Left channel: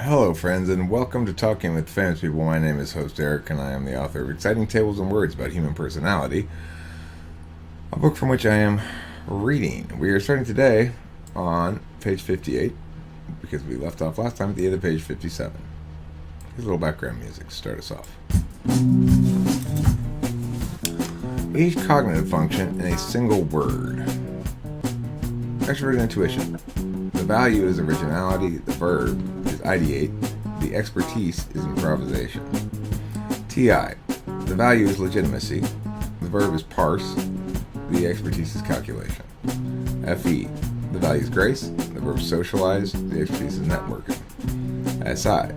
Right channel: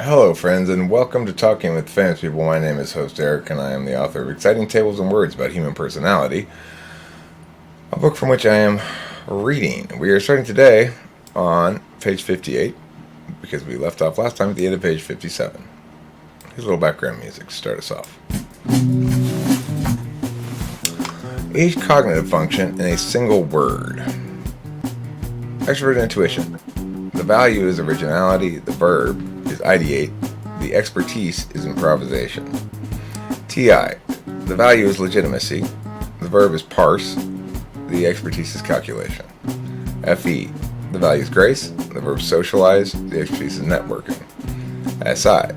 Hello, friends, and welcome to Talking with Famous People. My name is host Eric, and I am the author of Exciting Tables and Words about Human Personality, a book from which I am reading. We are starting today on page 58 because we left off last time at the end of page 57. Here's a little background music to start us off. Each cognitive function in a single word. Extroverted intuition. The value is originality, the verb is ideate, the expertise is improvisation. TI. The value is legitimacy, the verb is parse, the expertise is calculation. FE. The value is grace, the verb is socialize, the expertise is networking. SI.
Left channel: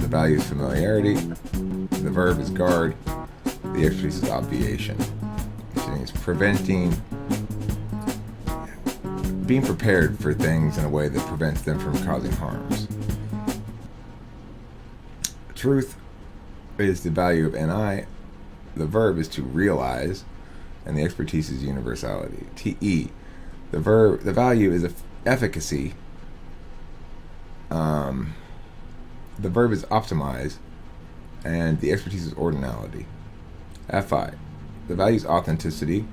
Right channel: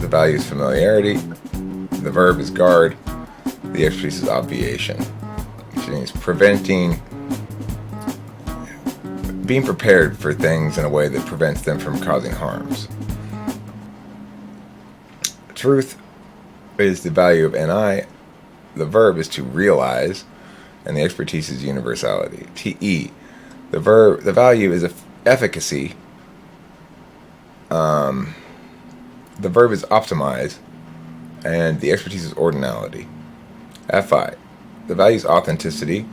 The value is familiarity, the verb is guard, the expertise is obviation, which means being prepared for things in a way that prevents them from causing harms. Truth is the value of NI, the verb is to realize, and the expertise is universality. TE, the value is efficacy, the verb is optimize, and the expertise is ordinality. FI, the value is authenticity,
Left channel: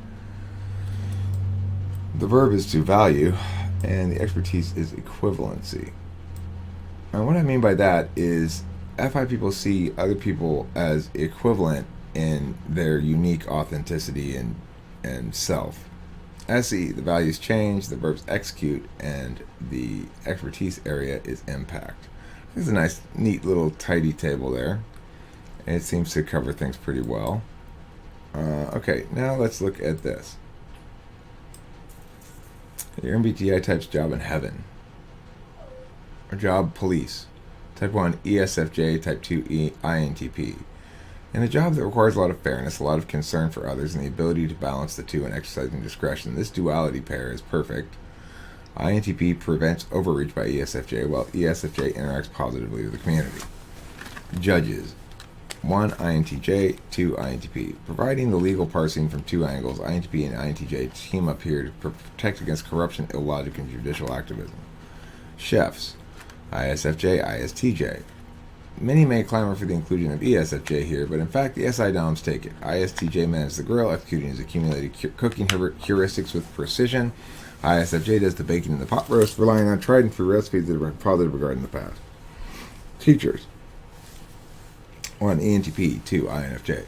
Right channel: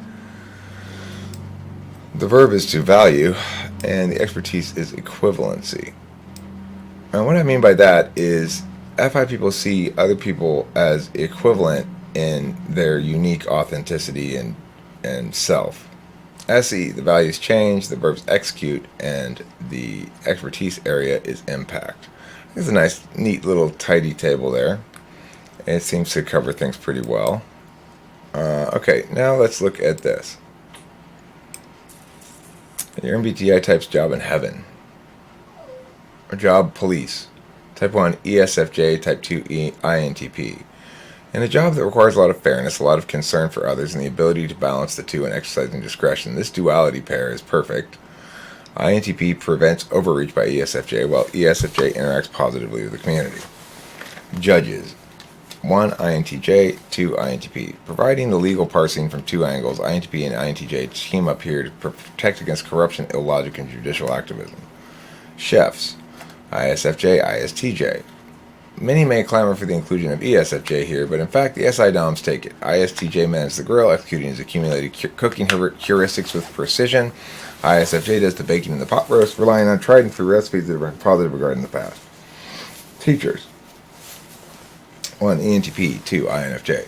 the verb is to value, and the expertise is equivalency. And what I mean by that is FI people see other people as equivalent in their unique authenticity and self. SE, the value is change, the verb is execute, and the expertise area is impact. It's a nice, neat little tidy table there. It seems to cover things pretty well. Okay, now let's look at this. Your MBTI type's job in heaven. Or job police. Type 1 ESFJ, type 2 INTP. In a job that requires a lot of fairness, a lot of concern for others, and the ability to balance the two and exercising discretion, this duality pair is perfect. INTP prevents overreach by ESFJ, while ESFJ interacts positively with the community. Judges. 1 INTJ, 2 INTP. Providing the legal parsing from two angles, INTP and INTJ team up here to protect against corruption, illogic, and judicial activism. Chefs. ISFJ, ISTJ. Many may clamor for the inclusion of ESFJ here, but in fact the SI Doms take it. ISTJ manages the grill, executing his accumulated cooking heuristics with precision. ISFJ does the baking and the pot roast, relying on tried and true recipes that have been positive regard in the past. Teachers. 1 ENTP, 2 INFJ.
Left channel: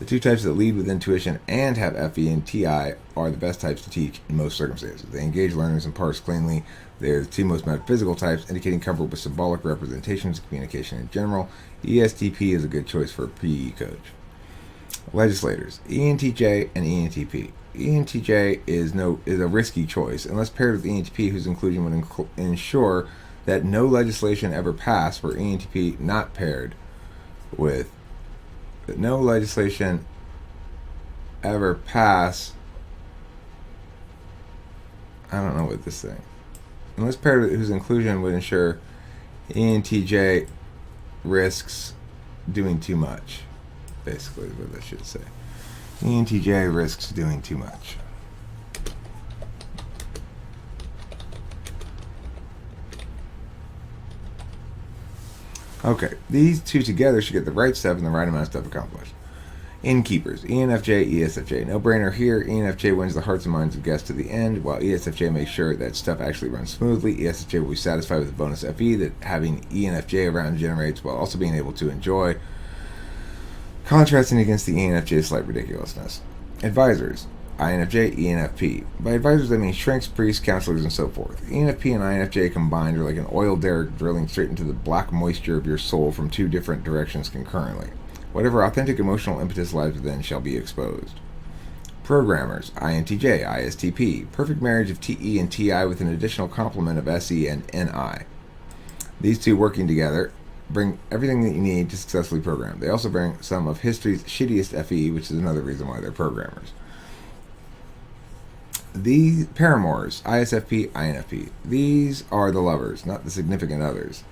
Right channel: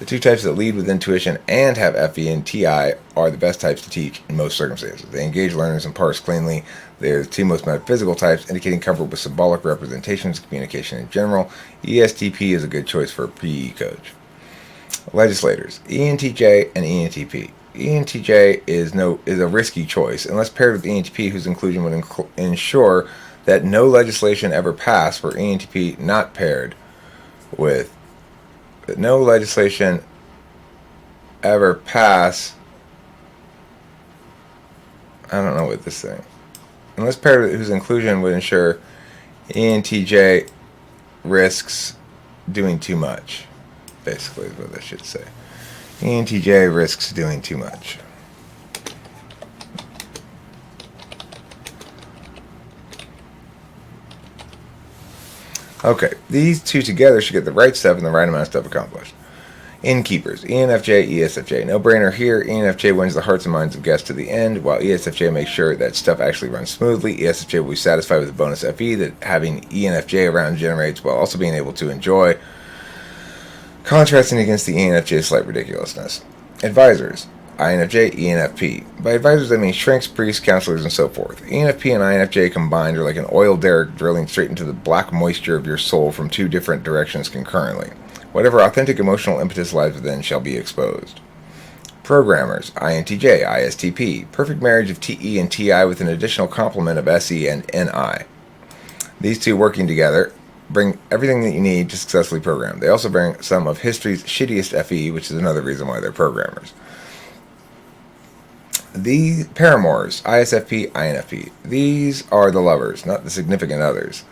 The two types that lead with intuition and have FE and TI are the best types to teach in most circumstances. They engage learners and parse cleanly. They are the two most metaphysical types, indicating comfort with symbolic representations, communication in general. ESTP is a good choice for a PE coach. Legislators, ENTJ and ENTP. ENTJ is a risky choice, unless paired with ENTP, whose inclusion would ensure that no legislation ever passed for ENTP not paired with no legislation ever pass. I don't know what this thing. Unless paired with whose inclusion would ensure ENTJ risks doing too much. Basically, is what I should say. ENTJ risks doing too much. Okay, these two together should get the right stuff and the right amount of stuff accomplished. Innkeepers, ENFJ, ESFJ. No brainer here. ENFJ wins the hearts and minds of guests to the end, while ESFJ makes sure that stuff actually runs smoothly. ESFJ will be satisfied with the bonus FE that having ENFJ around generates, while also being able to enjoy, contrasting against the ENFJ's slight ridiculousness. Advisors, INFJ, ENFP. By advisors, I mean shrinks, priests, counselors, and so forth. ENFP and INFJ combined are like an oil derrick drilling straight into the black moisture of your soul from two different directions concurrently. Whatever authentic emotional impetus lies within shall be exposed. Programmers, INTJ, ISTP. Perfect marriage of TE and TI with an additional complement of SE and NI. These two working together bring everything that you need to successfully program. They also bring some of history's shittiest FE, which is another reason why they're programmers. The paramours, ISFP, INFP. These are the lovers, not the significant others.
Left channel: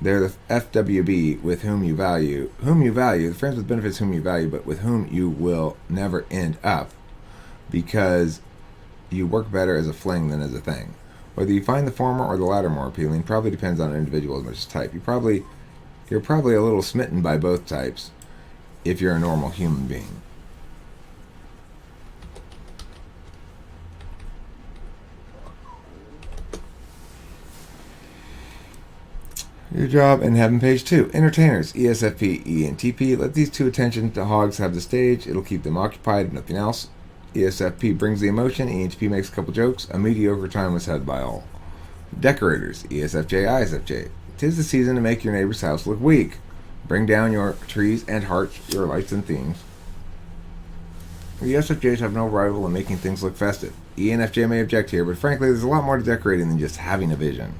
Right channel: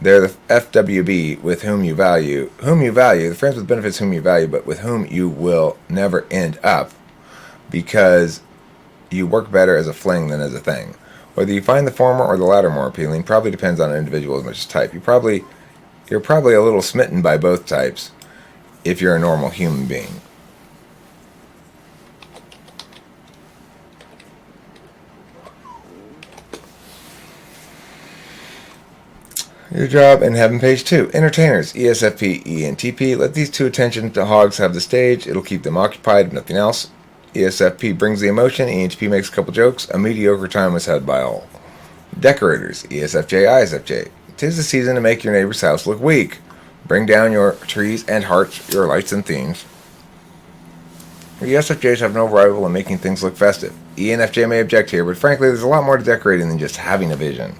They're the FWB with whom you value, the friends with benefits whom you value, but with whom you will never end up because you work better as a fling than as a thing. Whether you find the former or the latter more appealing probably depends on an individual as much as type. You're probably a little smitten by both types if you're a normal human being. Your job in Heaven, page 2. Entertainers, ESFP, ENTP. Let these two attention to hogs have the stage. It'll keep them occupied, if nothing else. ESFP brings the emotion. ENTP makes a couple jokes. A mediocre time was had by all. Decorators, ESFJ, ISFJ. 'Tis the season to make your neighbor's house look weak. Bring down your trees and hearts, your lights and themes. ESFJs have no rival in making things look festive. ENFJ may object here, but frankly, there's a lot more to decorating than just having a vision.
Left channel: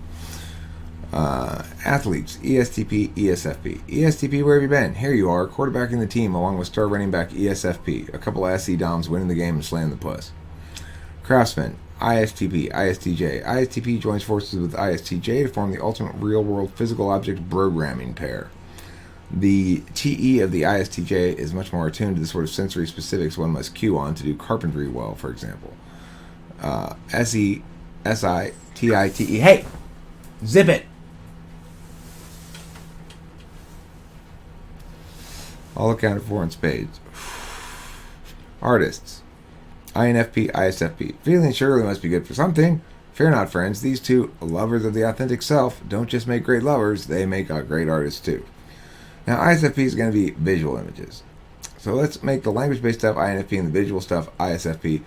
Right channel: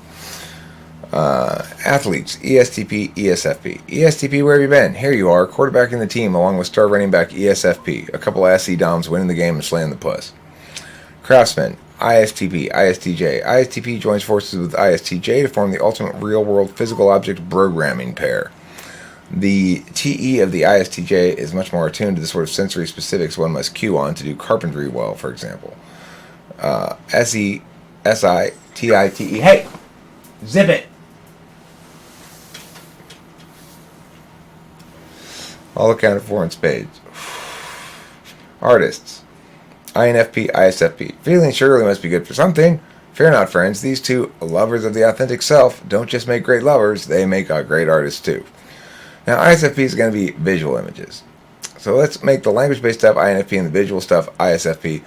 Athletes, ESTP, ESFP. ESTP, where have you been? Here you are, quarterbacking the team along with star running back ESFP. A couple of SC Doms winning the game and slaying the puss. Craftsmen, ISTP, ISTJ. ISTP joins forces with ISTJ to form the ultimate real-world physical object programming pair. The TE of the ISTJ is much more attuned to the sort of sensory specifics one must cue on to do carpentry well, for example. SE, SI, TI, TE. Hey! Zip it! All accounted for in spades. Artists. INFP, ISFP. Feeling surely must be good for something. Fear not, friends. These two lovers of the authentic self don't just make great lovers, they make great artists too. Now, ISFP is going to be visual images. So let's make the language-based stuff INFP and the visual stuff ISFP.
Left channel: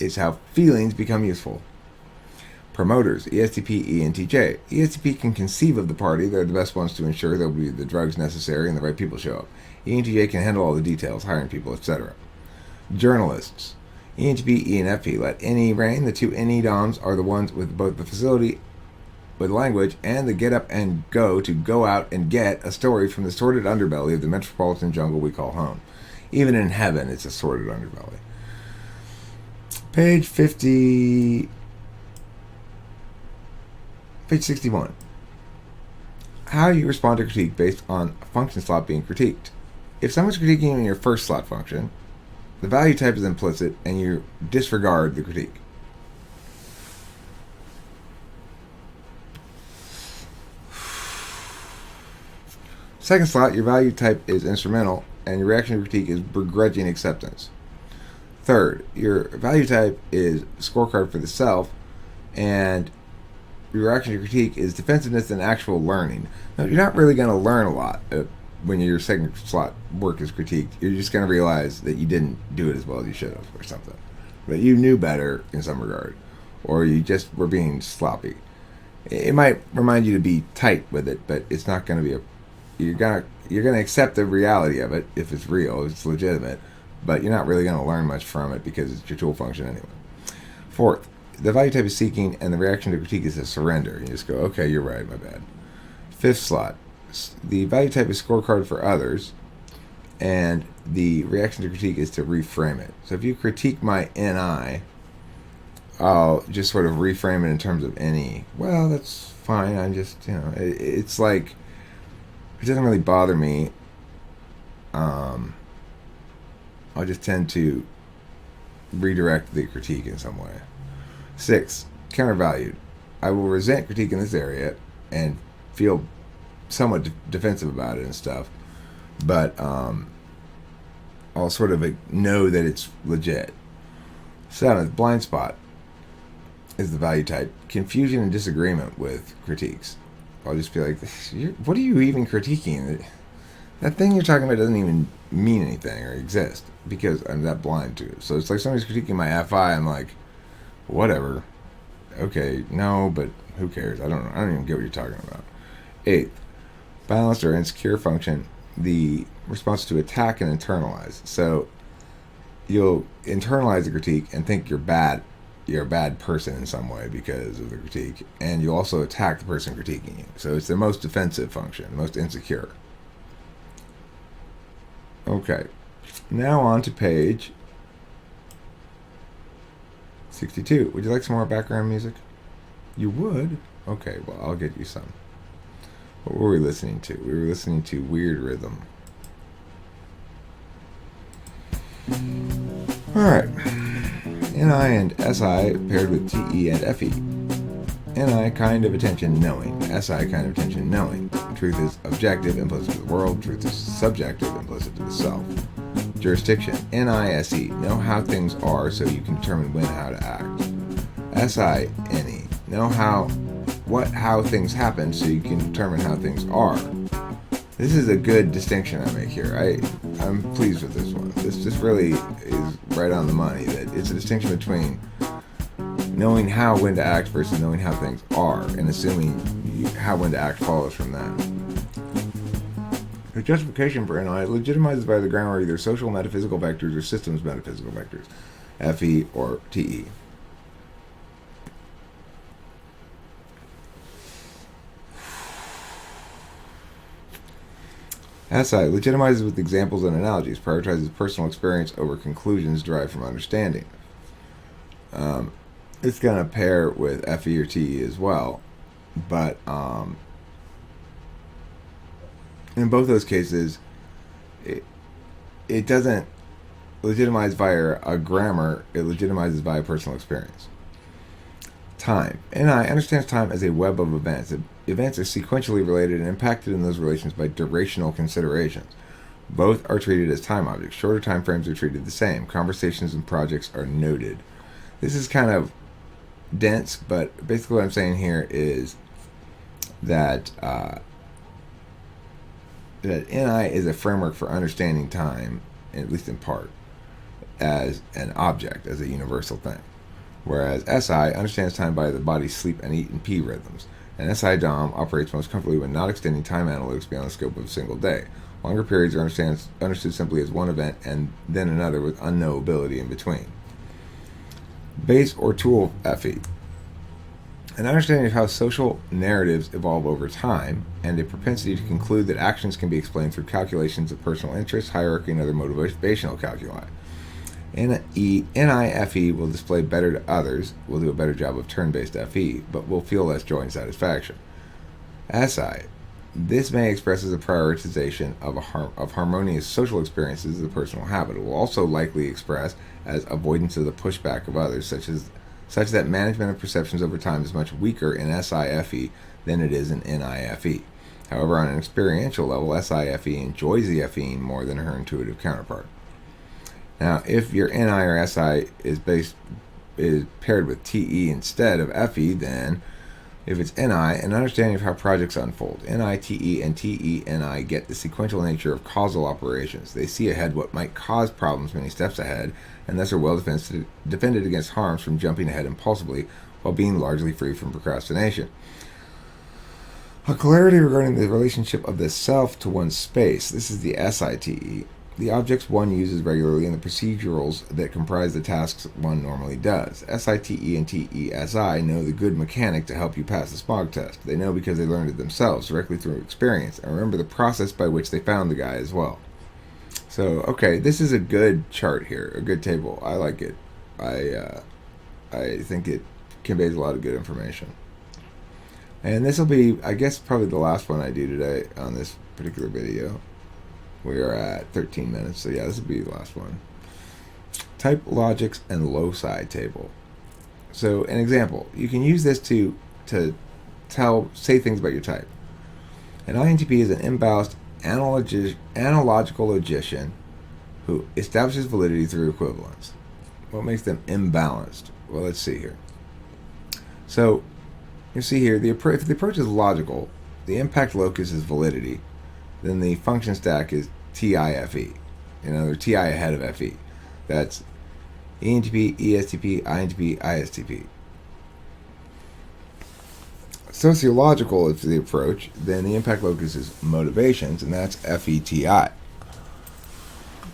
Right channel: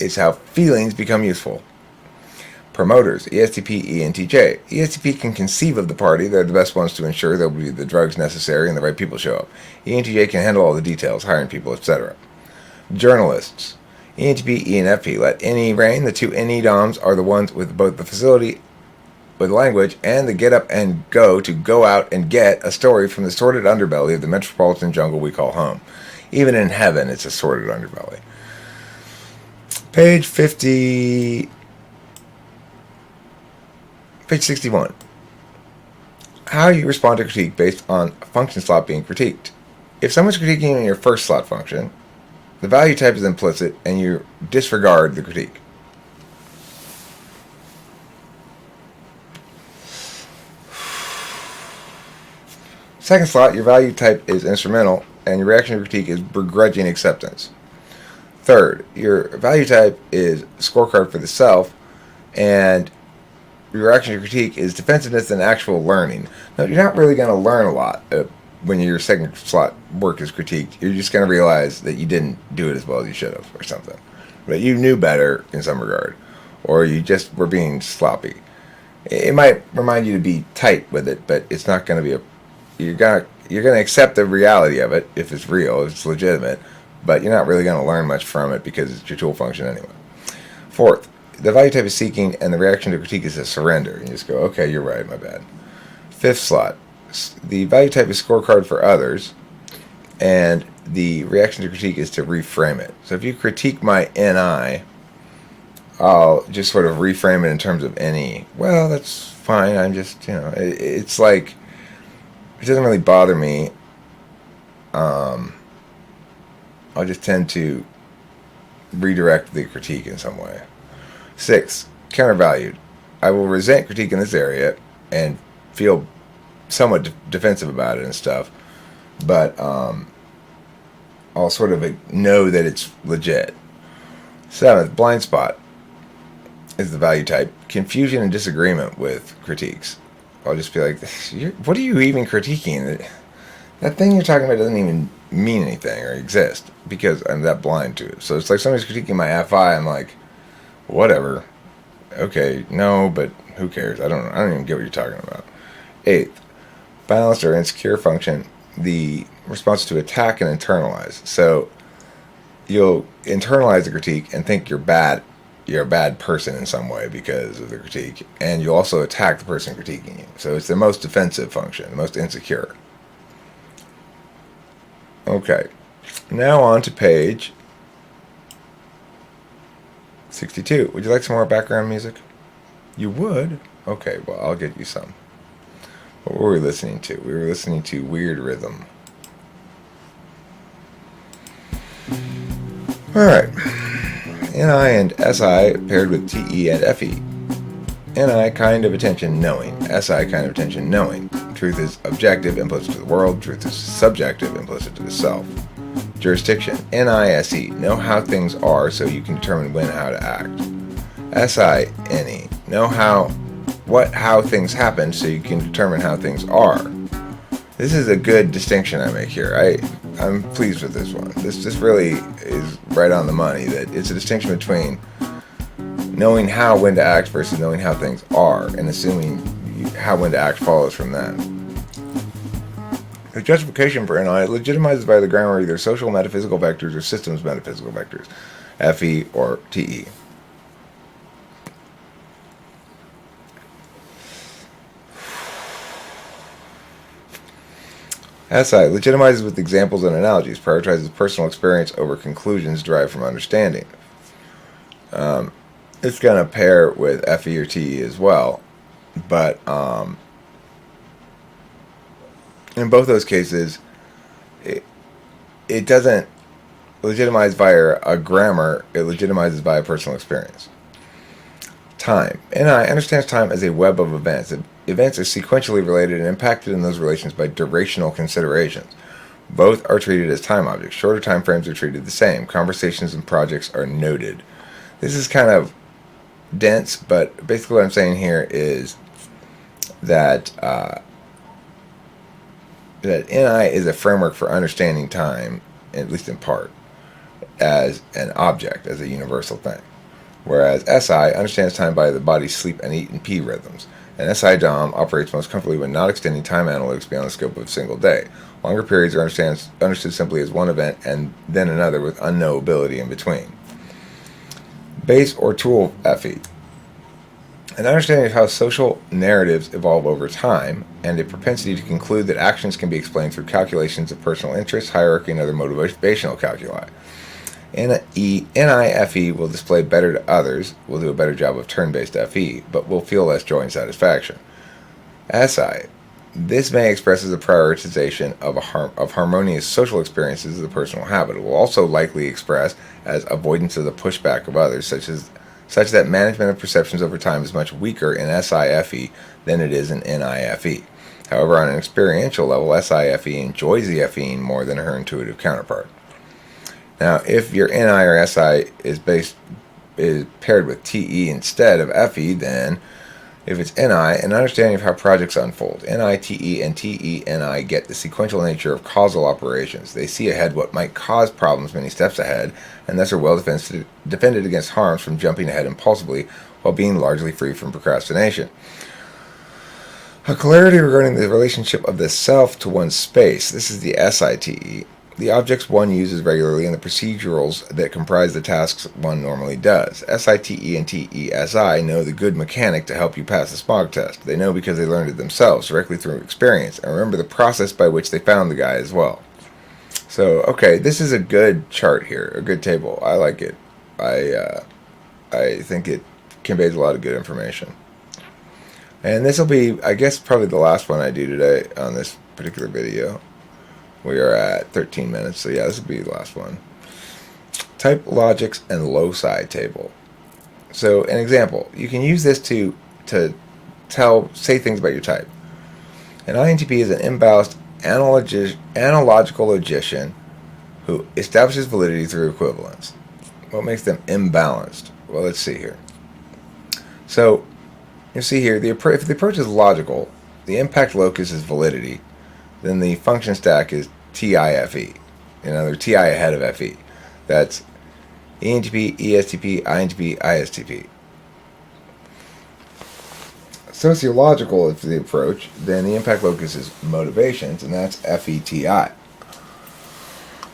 It's how feelings become useful. Promoters, ESTP, ENTJ. ESTP can conceive of the party. They're the best ones to ensure there will be the drugs necessary and the right people show up. ENTJ can handle all the details, hiring people, etc. Journalists, ENTP, ENFP. Let NE reign. The two NE DOMs are the ones with both the facility with language and the get up and go to go out and get a story from the sordid underbelly of the metropolitan jungle we call home. Even in heaven, it's a sordid underbelly. Page 50... Page 61. How you respond to critique based on a function slot being critiqued. If someone's critiquing in your first slot function, the value type is implicit and you disregard the critique. Second slot, your value type is instrumental and your reaction to critique is begrudging acceptance. Third, your value type is scorecard for the self and your reaction to critique is defensiveness and actual learning. Now, you're not really going to learn a lot when your second slot work is critiqued. You're just going to realize that you didn't do it as well as you should have or something. But you knew better in some regard. Or you just were being sloppy. It might remind you to be tight with it, but it's not going to be you're going to accept the reality of it if it's real, if it's legitimate, but you're not really going to learn much from it because it's your tool function anyway. Fourth, the value type is seeking, and the reaction to critique is a surrender. You just go, okay, you're right, my bad. Fifth slot, the value type is scorecard for others, and the reaction to critique is to reframe it. So if you critique my NI, I'll just sort of reframe it in terms of NE. Well, that's fine. I'm just, it's like, it doesn't really bother me. I'll just tend to redirect the critique in some way. 6, countervalued. I will resent critique in this area and feel somewhat defensive about it and stuff, but I'll sort of know that it's legit. 7th, blind spot is the value type. Confusion and disagreement with critiques. I'll just be like, what are you even critiquing? That thing you're talking about doesn't even mean anything or exist because I'm that blind to it. So it's like somebody's critiquing my FI. I'm like, whatever. Okay, no, but who cares? I don't even get what you're talking about. 8th, balanced or insecure function. The response to attack and internalize. So you'll internalize the critique and think you're bad. You're a bad person in some way because of the critique, and you also attack the person critiquing you. So it's the most defensive function, the most insecure. Okay, now on to page 62. Would you like some more background music? You would? Okay, well, I'll get you some. What were we listening to? We were listening to Weird Rhythm. Alright. NI and SI paired with TE and FE. NI, kind of attention, knowing. SI, kind of attention, knowing. Truth is objective, implicit to the world. Truth is subjective, implicit to the self. Jurisdiction. NISE, know how things are so you can determine when how to act. SINE, know how things happen so you can determine how things are. This is a good distinction I make here. I'm pleased with this one. This really is right on the money, that it's a distinction between knowing when to act versus knowing how things are, and assuming when to act follows from that. The justification for NI legitimizes by the grammar either social metaphysical vectors or systems metaphysical vectors, FE or TE. SI legitimizes with examples and analogies, prioritizes personal experience over conclusions derived from understanding. It's going to pair with FE or TE as well, but in both those cases, it doesn't legitimize via a grammar, it legitimizes via personal experience. Time. NI understands time as a web of events. Events are sequentially related and impacted in those relations by durational considerations. Both are treated as time objects. Shorter time frames are treated the same. Conversations and projects are noted. This is kind of dense, but basically what I'm saying here is that that NI is a framework for understanding time, at least in part, as an object, as a universal thing. Whereas SI understands time by the body's sleep and eat and pee rhythms. And SI DOM operates most comfortably when not extending time analytics beyond the scope of a single day. Longer periods are understood simply as one event and then another with unknowability in between. Base or tool FE. An understanding of how social narratives evolve over time, and a propensity to conclude that actions can be explained through calculations of personal interest, hierarchy, and other motivational calculi. NIFE will display better to others, will do a better job of turn-based FE, but will feel less joy and satisfaction. SI. This may express as a prioritization of harmonious social experiences as a personal habit. It will also likely express as avoidance of the pushback of others, such that management of perceptions over time is much weaker in SIFE than it is in NIFE. However, on an experiential level, SIFE enjoys the FEing more than her intuitive counterpart. Now, if your NI or SI is paired with TE instead of FE, then if it's NI, an understanding of how projects unfold. NI, TE, and TE, NI get the sequential nature of causal operations. They see ahead what might cause problems many steps ahead, and thus are well defended against harms from jumping ahead impulsively while being largely free from procrastination. A clarity regarding the relationship of the self to one's space. This is the SITE. The objects one uses regularly and the procedurals that comprise the tasks one normally does. SITE and TESI know the good mechanic to help you pass the smog test. They know because they learned it themselves, directly through experience, and remember the process by which they found the guy as well. So, okay, this is a good chart here, a good table. I like it. I think it conveys a lot of good information. And this will be, I guess, probably the last one I do today on this particular video. We are at 13 minutes, so yeah, this will be the last one. Type logics and loci table. So, an example, you can use this to say things about your type. An INTP is an imbalanced analogical logician who establishes validity through equivalence. What makes them imbalanced? Well, let's see here. So, you see here, if the approach is logical, the impact locus is validity, then the function stack is TIFE. In other words, TI ahead of FE. That's ENTP, ESTP, INTP, ISTP. Sociological is the approach, then the impact locus is motivations, and that's FETI.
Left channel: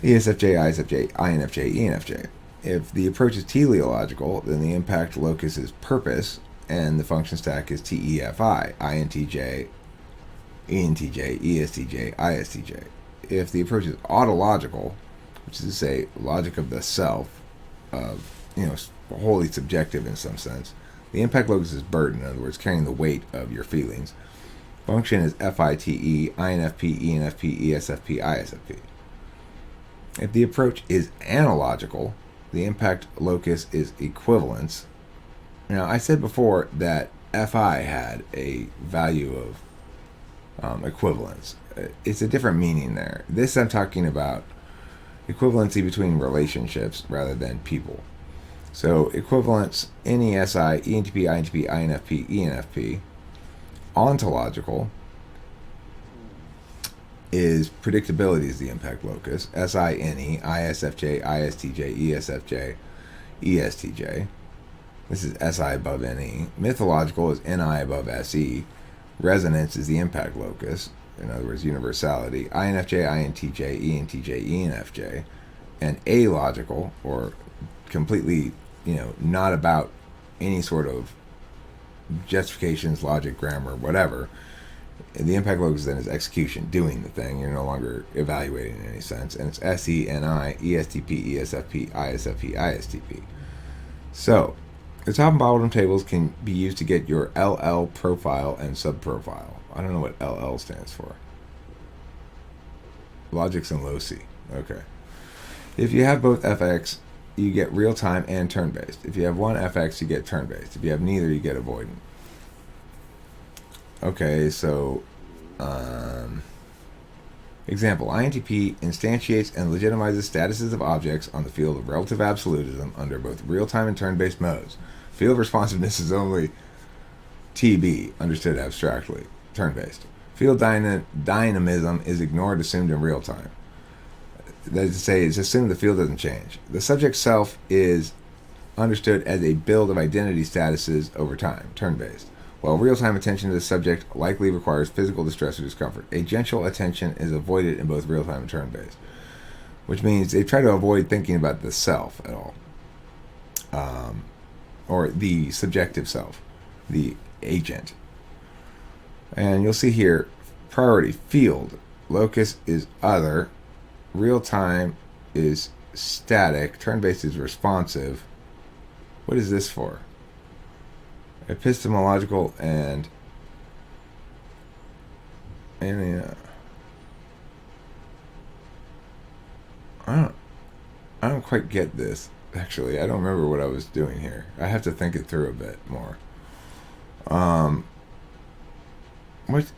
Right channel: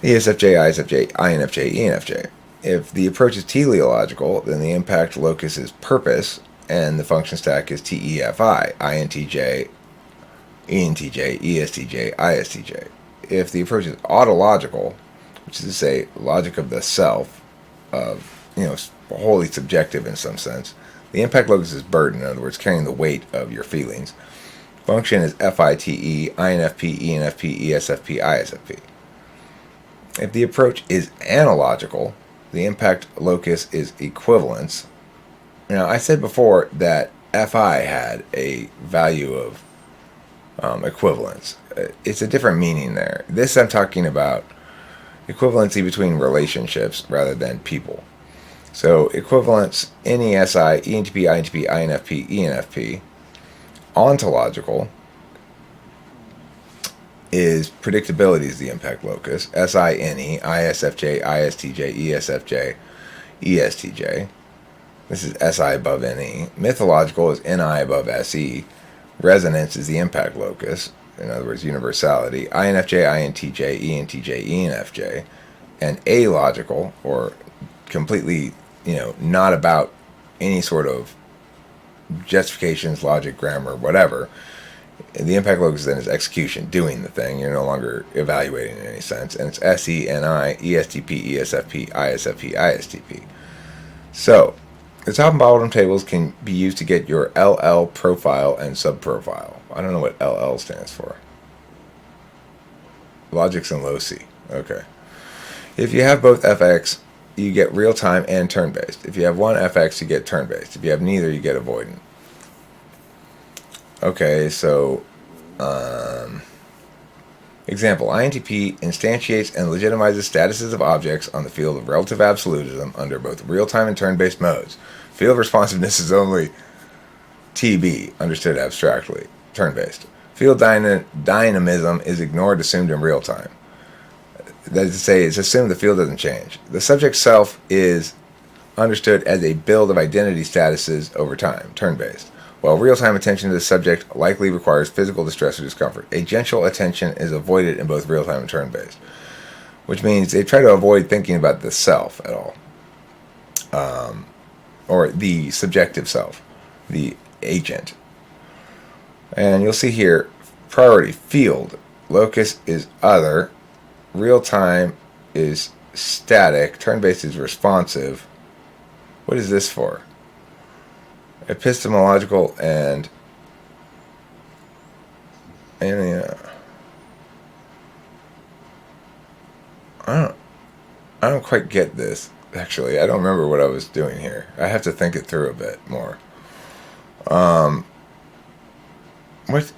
ESFJ, ISFJ, INFJ, ENFJ. If the approach is teleological, then the impact locus is purpose, and the function stack is TEFI, INTJ, ENTJ, ESTJ, ISTJ. If the approach is autological, which is to say logic of the self, wholly subjective in some sense, the impact locus is burden, in other words, carrying the weight of your feelings. Function is FITE, INFP, ENFP, ESFP, ISFP. If the approach is analogical, the impact locus is equivalence. Now, I said before that Fi had a value of equivalence. It's a different meaning there. This I'm talking about equivalency between relationships rather than people. So equivalence, NESI, ENTP, INTP, INFP, ENFP. Ontological is predictability is the impact locus. SINE, ISFJ, ISTJ, ESFJ, ESTJ. This is SI above NE. Mythological is NI above SE. Resonance is the impact locus. In other words, universality. INFJ, INTJ, ENTJ, ENFJ. And alogical, or completely, not about any sort of justifications, logic, grammar, whatever. The impact locus then is execution, doing the thing. You're no longer evaluating in any sense. And it's SENI, ESTP, ESFP, ISFP, ISTP. So, the top and bottom tables can be used to get your LL profile and subprofile. I don't know what LL stands for. Logics and loci. Okay. If you have both FX, you get real-time and turn-based. If you have one FX, you get turn-based. If you have neither, you get avoidant. Okay, so, example, INTP instantiates and legitimizes statuses of objects on the field of relative absolutism under both real-time and turn-based modes. Field responsiveness is only TB, understood abstractly, turn-based. Field dynamism is ignored, assumed in real time. That is to say, it's assumed the field doesn't change. The subject self is understood as a build of identity statuses over time, turn-based. While real-time attention to the subject likely requires physical distress or discomfort, agential attention is avoided in both real-time and turn-based, which means they try to avoid thinking about the self at all, or the subjective self, the agent. And you'll see here, priority field, locus is other, real-time is static, turn-based is responsive. What is this for? Epistemological and I don't quite get this, actually. I don't remember what I was doing here. I have to think it through a bit more. What?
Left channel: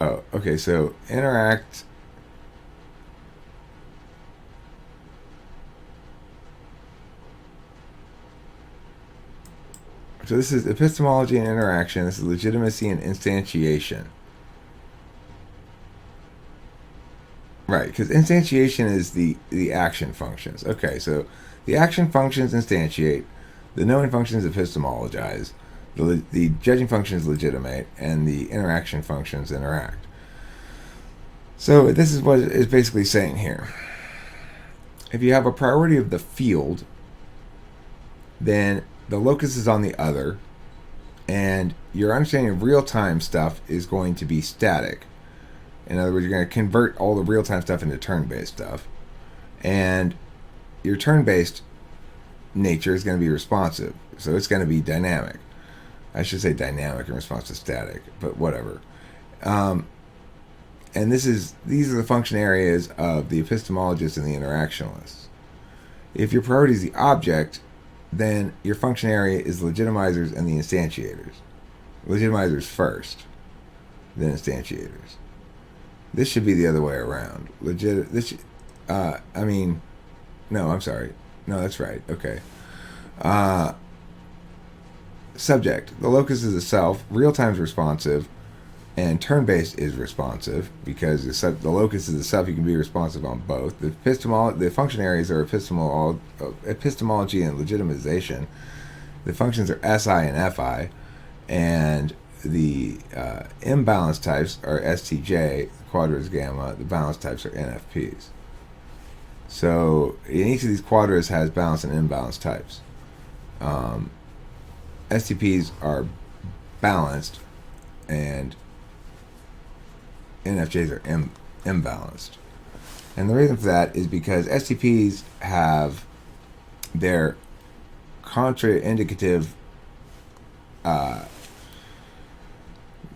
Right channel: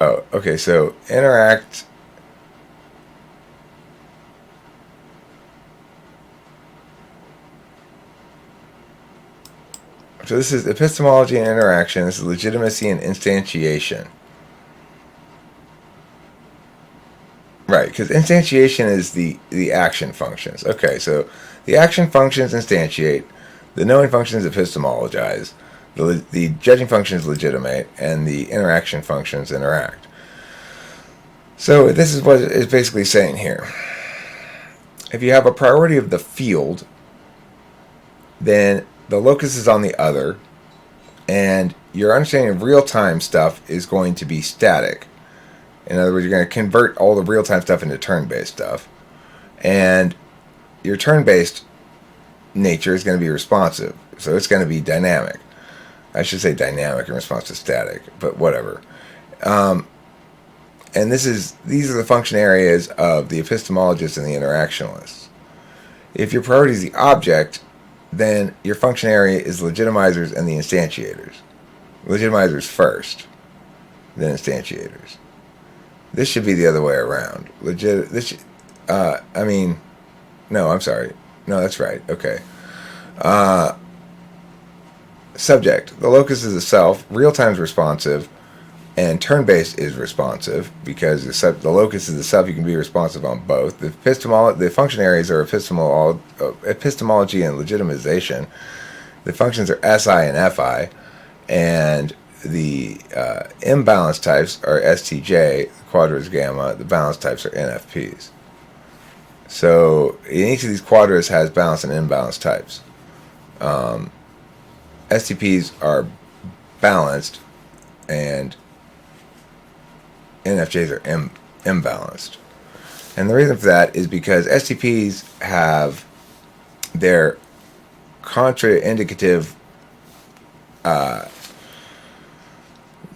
Oh, okay, so interact. So this is epistemology and interaction. This is legitimacy and instantiation. Right, because instantiation is the action functions. Okay, so the action functions instantiate, the knowing functions epistemologize, the judging functions legitimate, and the interaction functions interact. So this is what it's basically saying here. If you have a priority of the field, then the locus is on the other, and your understanding of real-time stuff is going to be static. In other words, you're going to convert all the real-time stuff into turn-based stuff, and your turn-based nature is going to be responsive, so it's going to be dynamic. I should say dynamic in response to static, but whatever. And these are the function areas of the epistemologists and the interactionalists. If your priority is the object, then your function area is legitimizers and the instantiators. Legitimizers first, then instantiators. This should be the other way around. No, I'm sorry. No, that's right. Okay. Subject. The locus is the self. Real-time is responsive. And turn-based is responsive because the locus is the self. You can be responsive on both. The function areas are epistemology and legitimization. The functions are SI and FI. And the imbalance types are STJ, quadras gamma. The balance types are NFPs. So in each of these quadras has balance and imbalance types. STPs are balanced and NFJs are imbalanced. And the reason for that is because STPs have their contraindicative,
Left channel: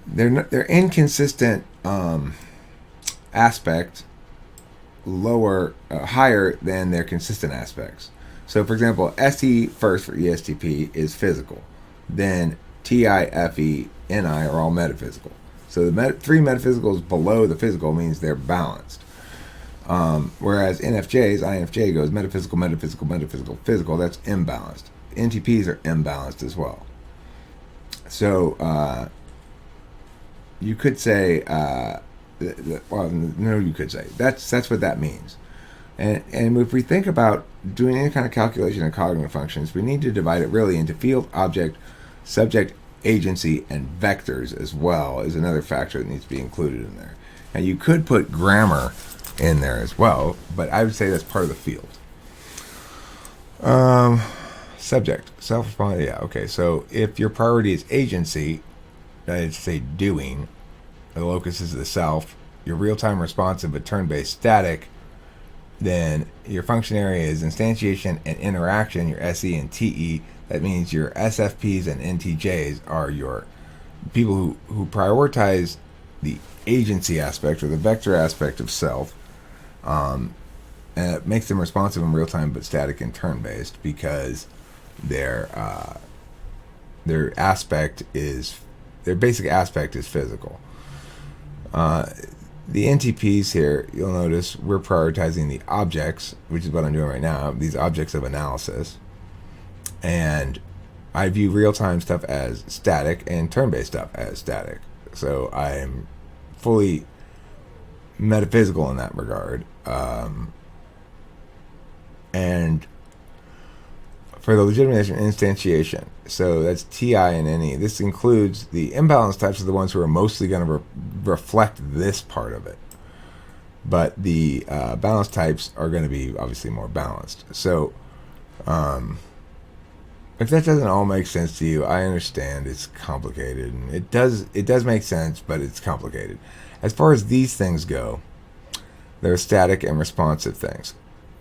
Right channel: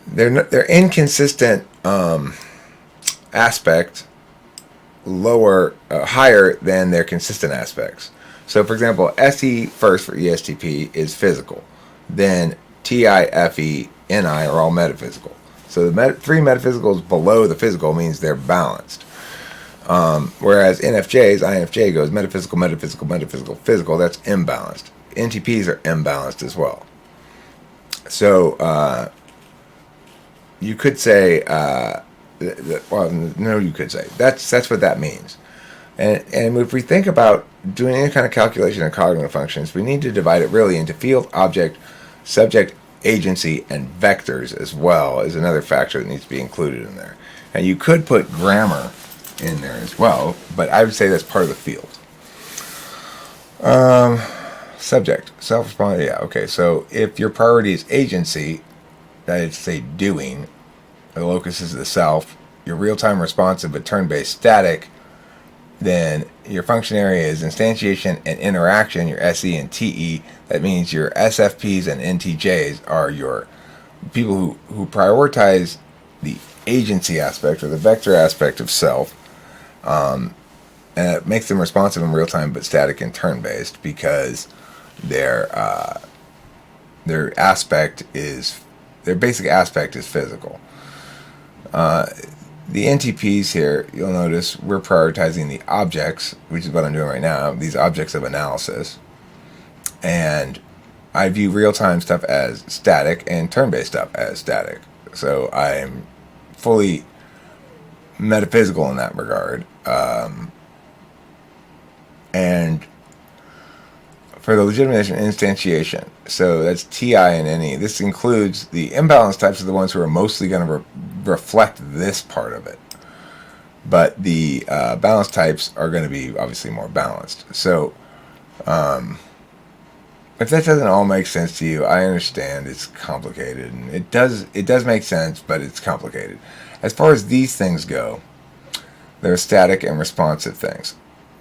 their inconsistent aspect higher than their consistent aspects. So, for example, SE first for ESTP is physical. Then TIFENI are all metaphysical. So the three metaphysicals below the physical means they're balanced. Whereas NFJs, INFJ goes metaphysical, metaphysical, metaphysical, physical. That's imbalanced. NTPs are imbalanced as well. So you could say, well, no, you could say that's what that means. And if we think about doing any kind of calculation of cognitive functions, we need to divide it really into field, object, subject, agency, and vectors as well as another factor that needs to be included in there. And you could put grammar in there as well, but I would say that's part of the field. Subject, self-responsive, yeah, okay. So if your priority is agency, that is to say doing, the locus is the self, you're real-time responsive but turn-based static, then your function area is instantiation and interaction, your SE and TE. That means your SFPs and NTJs are your people who prioritize the agency aspect or the vector aspect of self. And it makes them responsive in real time but static and turn-based because their basic aspect is physical. The NTPs here, you'll notice we're prioritizing the objects, which is what I'm doing right now, these objects of analysis. And I view real-time stuff as static and turn-based stuff as static. So I'm fully metaphysical in that regard. And for the legitimation and instantiation, so that's TI and NE. This includes the imbalanced types are the ones who are mostly going to reflect this part of it. But the balanced types are going to be obviously more balanced. So if that doesn't all make sense to you, I understand it's complicated. And it does make sense, but it's complicated. As far as these things go, they're static and responsive things.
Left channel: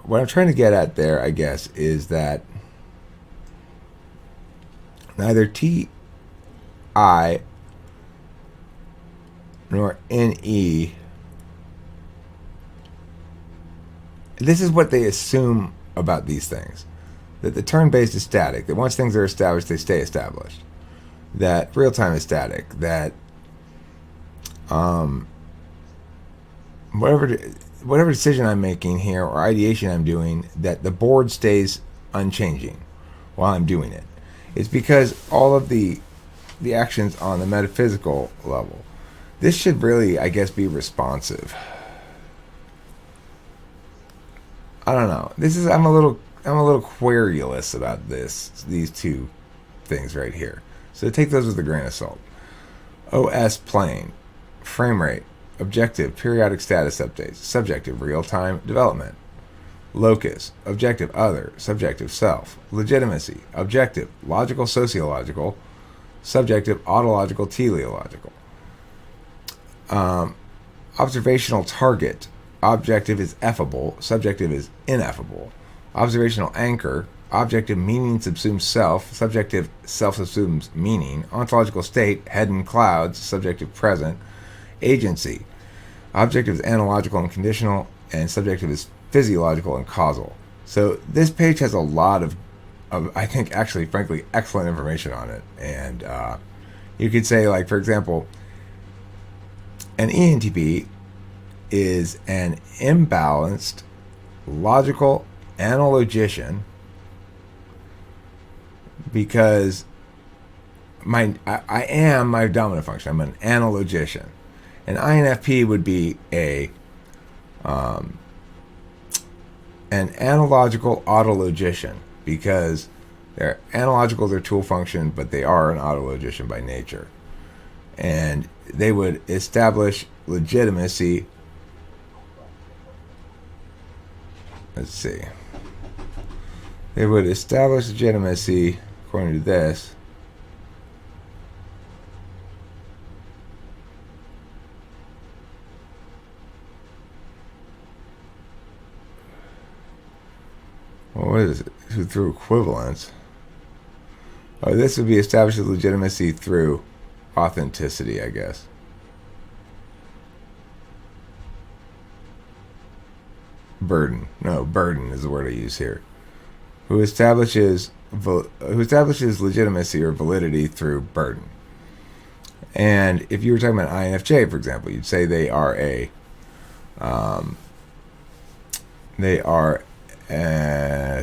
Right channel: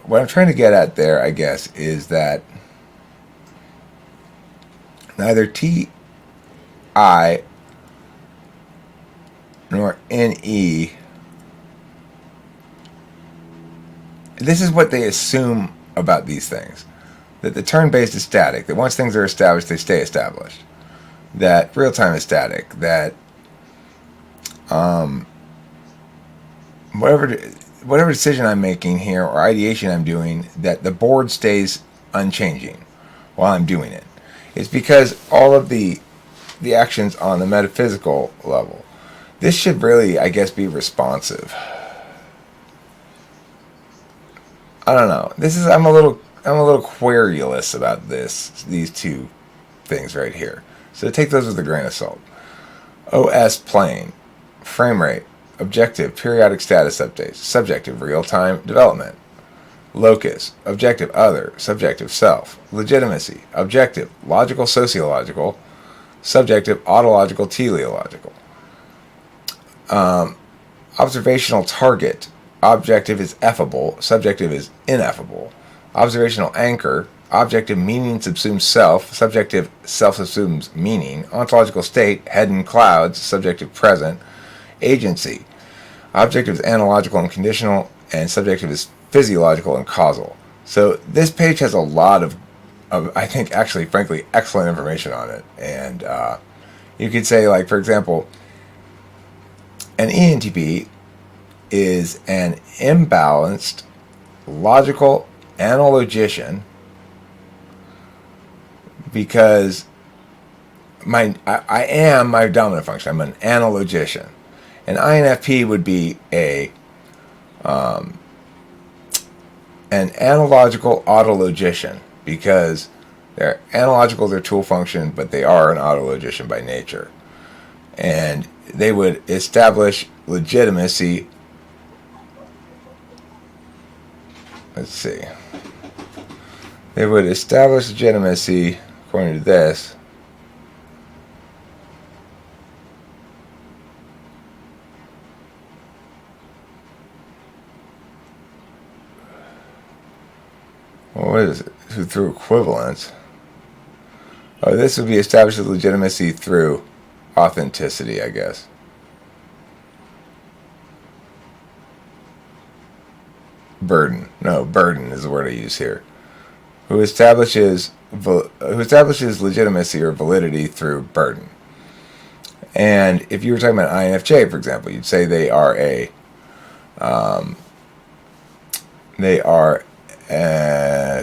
What I'm trying to get at there, I guess, is that neither TI nor NE, this is what they assume about these things. That the turn-based is static, that once things are established, they stay established. That real-time is static, that whatever decision I'm making here or ideation I'm doing, that the board stays unchanging while I'm doing it. It's because all of the actions on the metaphysical level, this should really, I guess, be responsive. I don't know. I'm a little querulous about these two things right here. So take those with a grain of salt. OS plane, frame rate, objective, periodic status updates, subjective, real-time development. Locus, objective, other, subjective, self. Legitimacy, objective, logical, sociological, subjective, autological, teleological. Observational target, objective is effable, subjective is ineffable. Observational anchor, objective meaning subsumes self, subjective self subsumes meaning. Ontological state, head in clouds, subjective present. Agency, objective is analogical and conditional, and subjective is physiological and causal. So this page has a lot of I think, actually, frankly, excellent information on it. And you could say, like, for example, an ENTP is an imbalanced logical analogician because I am my dominant function. I'm an analogician. An INFP would be an analogical autologician because they're analogical, their tool function, but they are an autologician by nature. And they would establish legitimacy. Let's see. They would establish legitimacy, according to this, well, what is it? Through equivalence. Oh, this would be established legitimacy through authenticity, I guess. Burden. No, burden is the word I use here. who establishes legitimacy or validity through burden. And if you were talking about INFJ, for example, you'd say they are a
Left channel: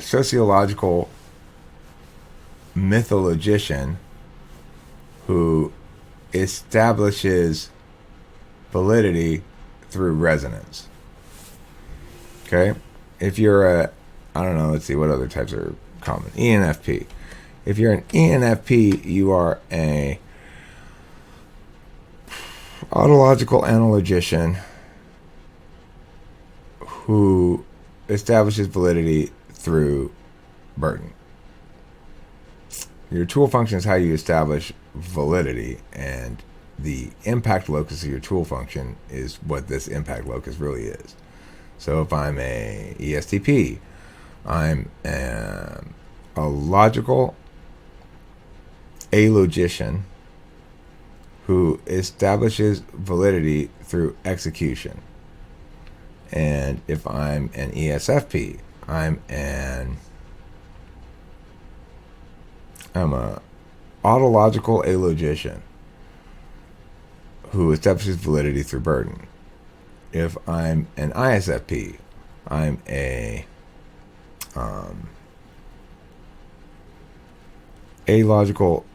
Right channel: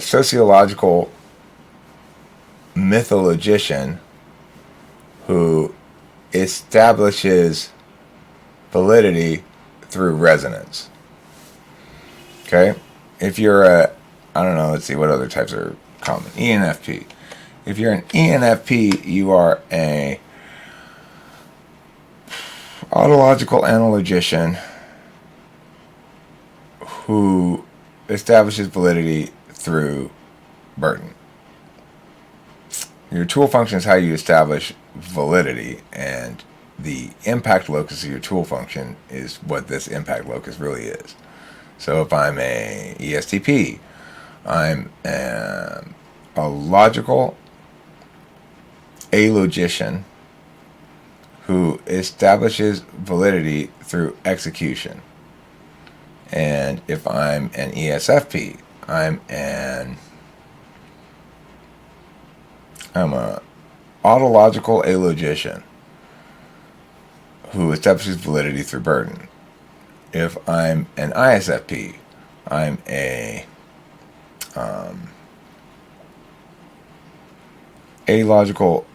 sociological mythologician who establishes validity through resonance. Okay? If you're I don't know, let's see what other types are common. ENFP. If you're an ENFP, you are a autological analogician who establishes validity through burden. Your tool function is how you establish validity, and the impact locus of your tool function is what this impact locus really is. So if I'm a ESTP, I'm a logical alogician who establishes validity through execution. And if I'm an ESFP, I'm a autological alogician who establishes validity through burden. If I'm an ISFP, I'm a alogical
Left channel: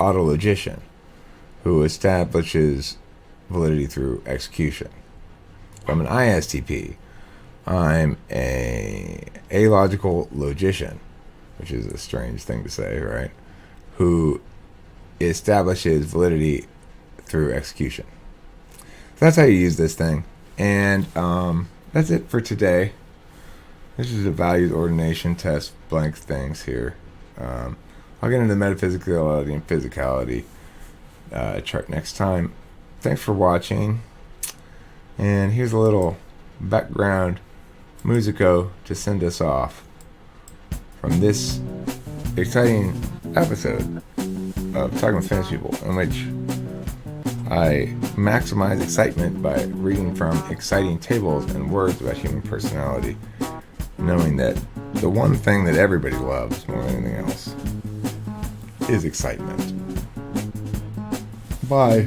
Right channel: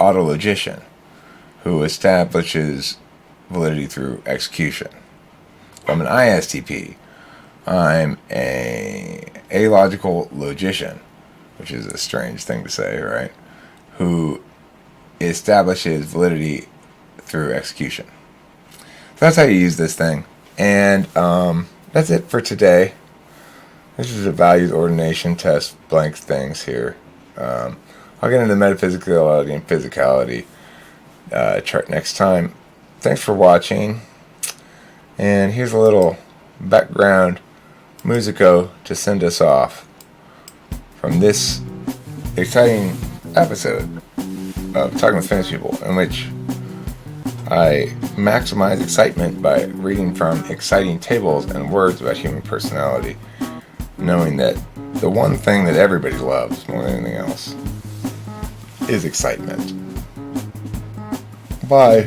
autologician who establishes validity through execution. If I'm an ISTP, I'm a alogical logician, which is a strange thing to say, right? Who establishes validity through execution. So that's how you use this thing. And that's it for today. This is a values ordination test blank things here. I'll get into metaphysicality and physicality chart next time. Thanks for watching. And here's a little background musico to send us off from this exciting episode of Talking with Famous People, in which I maximize excitement by reading from exciting tables and words about human personality, knowing that the one thing that everybody loves more than anything else is excitement. Bye.